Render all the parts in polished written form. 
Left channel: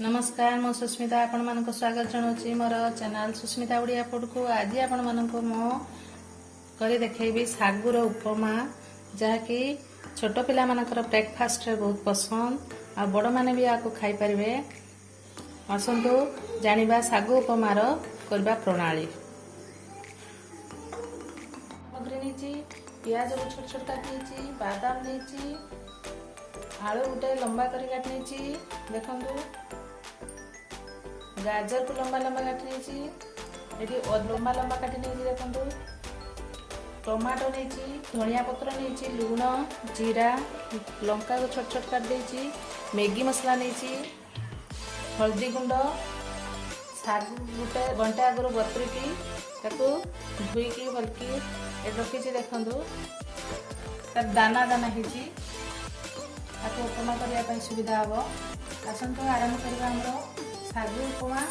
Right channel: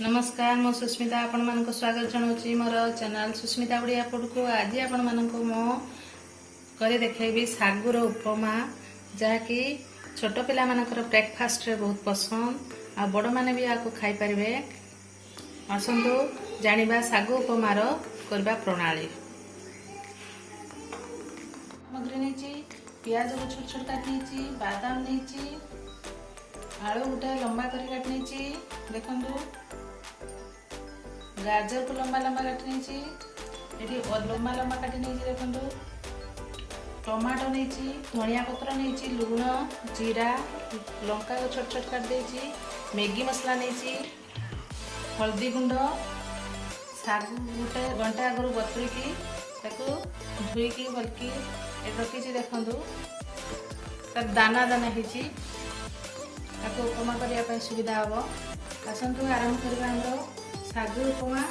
नमस्कार मो सुस्मिता आपण मानको स्वागत जनाऊँ मोर चैनल सुस्मिता उड़िया फूड को। आज आपण मानको मो करे देखैबी सागुर उपमा जहाँकि छोट पिला मानकर ब्रेकफास्ट रे बहुत पसंद आ बड़ माने भी आको खाई परिवे। आसंतु जानिबा सागु उपमार करबा प्रणाली। सामग्री नेची प्याज को छोट छोट काटी, बादाम नेची, आलू गोटे लंबा कर काटी, देखंतु गाजर को लंबा लंबा काटी, लंबा लंबा काटी देखंतु टमाटो नहीं, धनिया पत्र नहीं, लुण, जीरा, लंका को छोट छोट काट देछि, मैगी मसला नहीं, हल्दी गुंड, गोटे घंटा आगु बतुरिकी धोईकी भलकी रखी देखंतु तार दाना दाना होती उपमा करने सुविधा हम। आसतु आरंभ करवा हम सागु उपमा।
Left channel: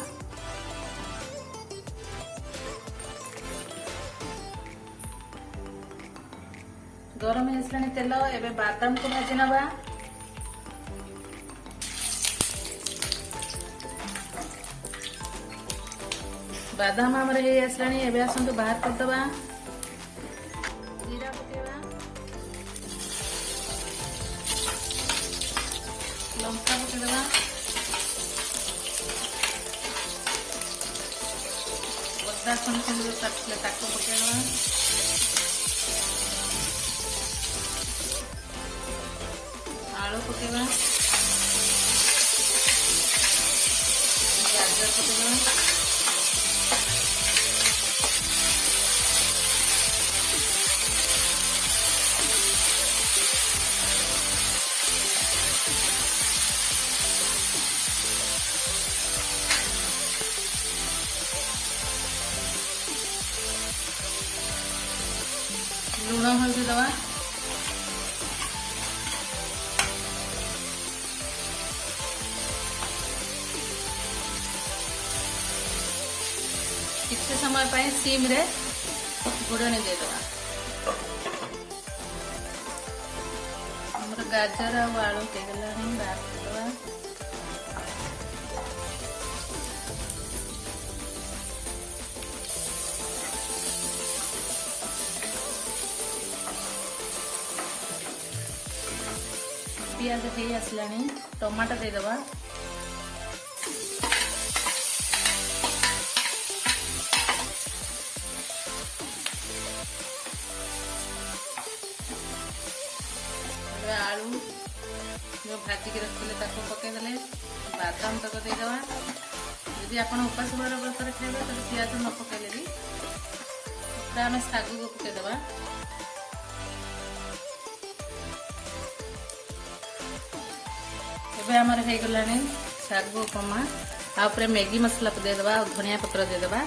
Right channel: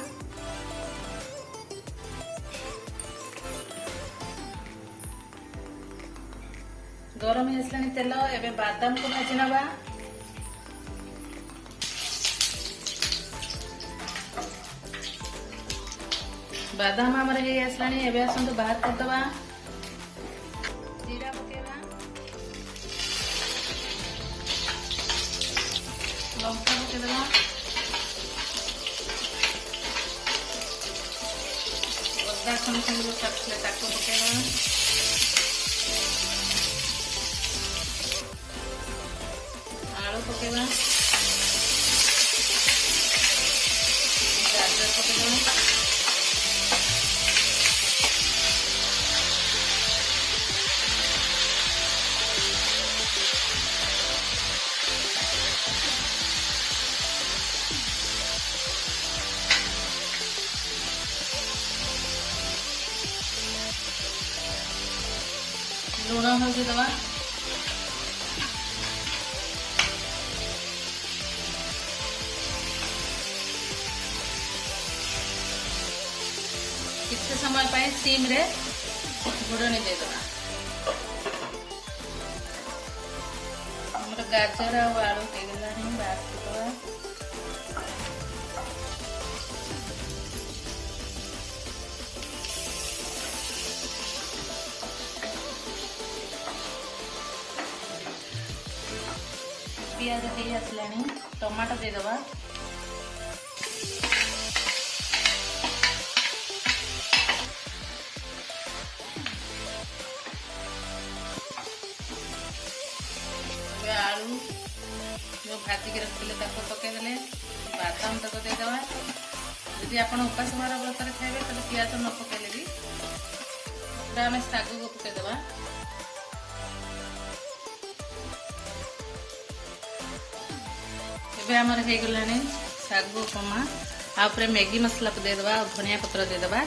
गरम हो तेल एवं बादाम को भाजी नवा। बादाम आमर हो आसलानी एवं आसतु बाहर करदे। जीरा पकेवा, लंका पकेदेवा, अदा छुणी छुणी काटले ताको पकेदेवा, आलू पकेवा, गाजर पकेदेवा, लुण हल्दी दवा, किसी समय पर सीम रे घोड़नी देदेवा। गाजर और आलू हो गला पियाज हो आसलानी, टमाटो देदेवा, आलू जो भाजिक रखते पकईदे, बादाम तक देदेवा। यदि आप उपास बार व्रत खाइबे तो पियाज न पकईले भी पूरा आम सागु को पकईदेवा। आमर हो गलानी सागु उपमा। मैगी मसला को देदेवा, धनिया पत्र देदेवा।